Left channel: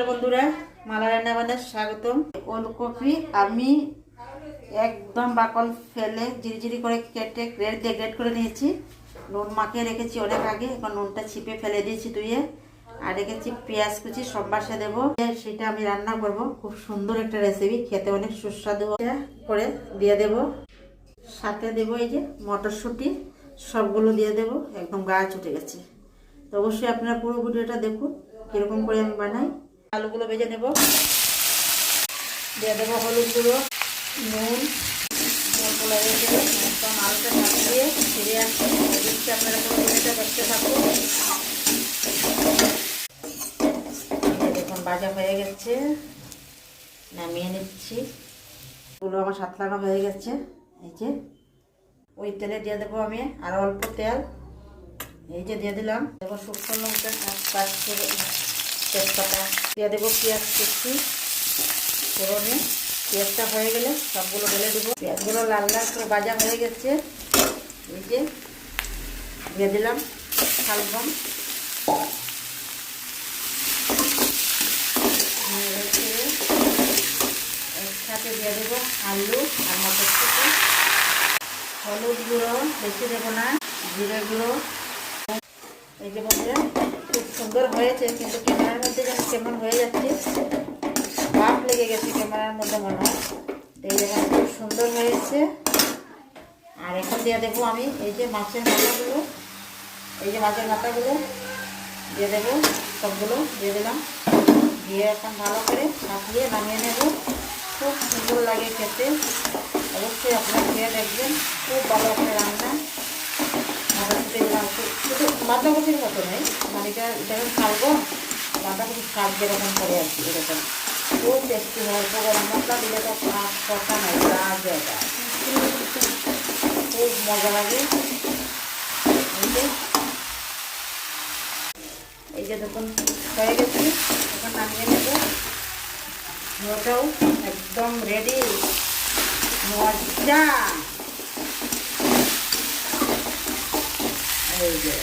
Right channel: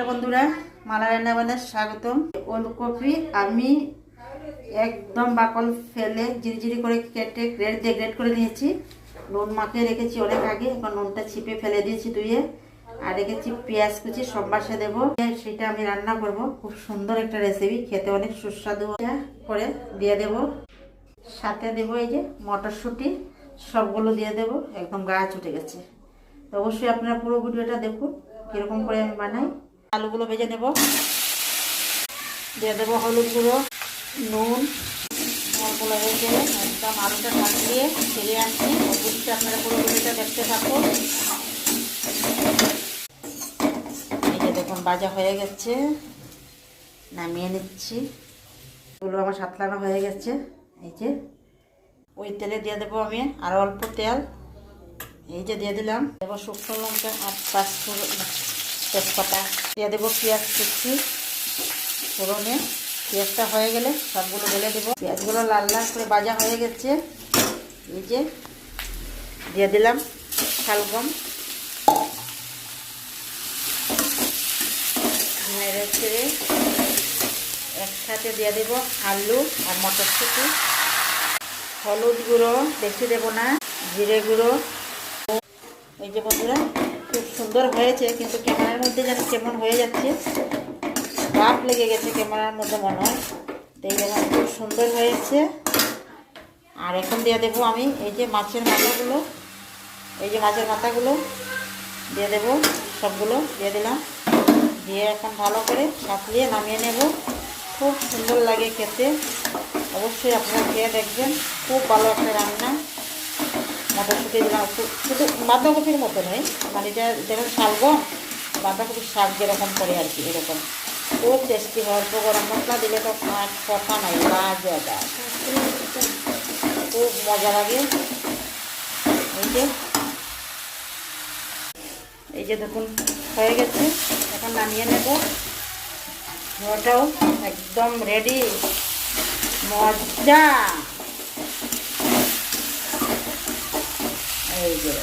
নমস্কার বন্ধুরা, মালা রান্না বান্নায় স্বাগতম। ওলকপি আমি একদম বাকল ফেলে ঝিরিঝিরি করে কেটে গ্রেট করে নিয়েছি। নুন মাখিয়ে রেখেছি অনেক আগে, এখন নুনটা ছিপে ফেলে দিয়েছি ধুয়ে। আর রেখেছি পেঁয়াজ কুচি, সম্বাসে দেবো, সেটা আমি রান্না করব। খুব সুন্দর একটা রেসিপি, খেতে অনেক সুস্বাদু করে দিয়ে দেব। সাথে দেবো এই যে মটরশুঁটি, সবগুলো দিয়ে দেবো। একদম গাছ উঠে গেছে। তো অবশ্যই আপনারা পুরো ভিডিওটা দেখুন কীরকম করে আমি বানাই। আলুগুলো ভেজে নেব, দিয়ে দেবো হলুদ গুঁড়ো, নুন অল্প লাগিয়ে দেবো। একদম আলুটা ঢাকা দিয়ে ফিরে আসছি। অবশ্যই আপনারা পুরো ভিডিওটা দেখতে থাকুন। দেখুন ভাজা হয়ে গেছে, নামিয়ে নিচ্ছি। এগুলো আমার সাতলানো হয়ে গেছে। এই যে ওই তেলে দিয়ে দেবো আমি আরও অল্প তেল। এই যে দিয়ে দিলাম, দেবো শুকনো লঙ্কা আর তেজপাতা, দিয়ে দেবো পেঁয়াজ কুচি ফোড়নে। পেঁয়াজটা হয়ে গেলে সবগুলো ঢেলে দেবো। পেঁয়াজগুলো লাল লাল করে ভাজা হয়ে গেছে। এই যে দিয়ে দিলাম শালগম, একসাথে দিয়ে দেবো আলু আর মটরশুঁটি। হলুদ গুঁড়ো বেশি দেবো না, জিরে গুঁড়ো। এই যে বন্ধুরা খুব সুন্দর হয়েছে, কিন্তু ক্যামেরার মধ্যে যেন কেমন হয়ে যাচ্ছে, ভাপ লেগে গেছে ক্যামেরার মধ্যে মনে হয়। এই জন্য খুব সুন্দর হয়েছে। আর এখন দিয়ে দেবো আমি এই যে মাছের মাথাগুলো, দিয়ে দেবো। সবগুলো দিয়ে দিলাম, দিয়ে এখন ভালো করে সাঁতলিয়ে নামিয়ে নেব। খুব সুন্দর লাগে খেতে, অবশ্যই আপনারা খেয়ে দেখবেন। খুব ভালো একটা রান্না। বাঁধাকপি দিলাম, শুধু বাঁধাকপির মতো নয়, মানে এটা যেমন শালগম বাঁধাকপির শাক যেরকম করে আর কি, এরকম খুব টেস্টি হয়। অল্প গরম মশলা দিলে তো কথা নয়, লাজটা খুব মজা লাগে। এই যে দেখুন হয়ে গেছে, এখন নামিয়ে নেব। ধোয়াটাও একদম রেডি, মজা। এই যে